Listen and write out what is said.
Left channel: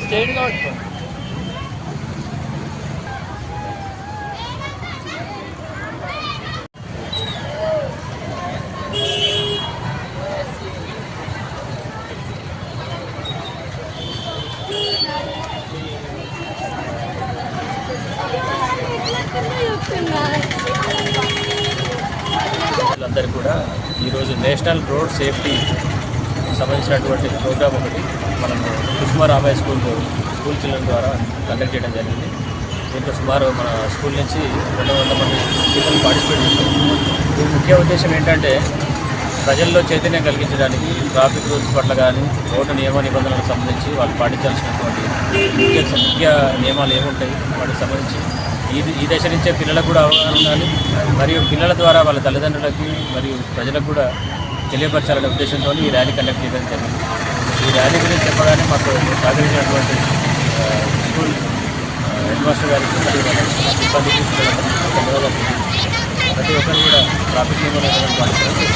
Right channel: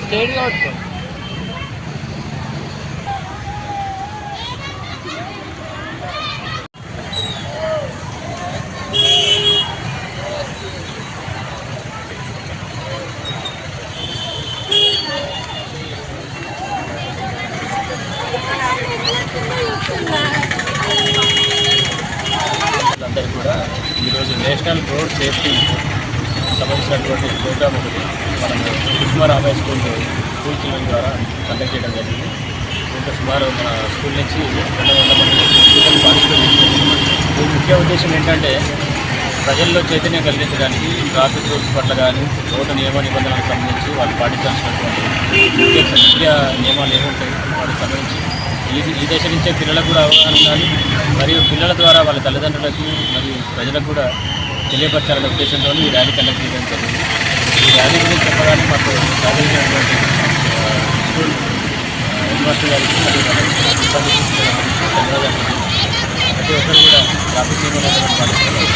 State కావచ్చు అందరికీ కూడా ఈరోజు నేషనల్ రోడ్ సేఫ్టీ సంబంధించినటువంటి ప్రోగ్రామ్ ఒకటి మనం కుసుమారాబాయ్ స్కూల్ స్కూల్ చిల్డ్రన్ ద్వారా కండక్ట్ చేయడం జరిగింది. దీంట్లో సుమారు మన స్కూల్ నుంచి రెండు వందల మంది పిల్లలు పార్టిసిపేట్ చేశారు. దీని ముఖ్య ఉద్దేశం ఏంటంటే ప్రజల్లో చైతన్యం కలిగించడానికి ట్రాఫిక్ రూల్స్ పట్ల కానీ రోడ్డు నియమ నిబంధనలకు సంబంధించి వాళ్ళు పాటించాల్సినటువంటి ముఖ్య ముఖ్య నియమాలు ఏముంటాయి? వాటికి సంబంధించి ఈ ఈ దశ నుంచే పిల్లలకు కూడా అవగాహన ఉండాలి. మరియు పిల్లల ద్వారా వాళ్ళ తల్లిదండ్రులకి మరియు ప్రజలకు కూడా తెలియపరచాలనే ఉద్దేశంతో ఈ ర్యాలీ కండక్ట్ చేయడం జరిగింది. ఈ ర్యాలీ గురించి చెప్పగానే మాకు సహకరించినటువంటి స్కూల్ హెడ్మాస్టర్ హెడ్ మాస్టర్ గారికి మరియు వాళ్ళ ధన్యవాదాలు. ప్రతి ఒక్కరు కూడా ట్రాఫిక్ నియమాలను పాటించాలని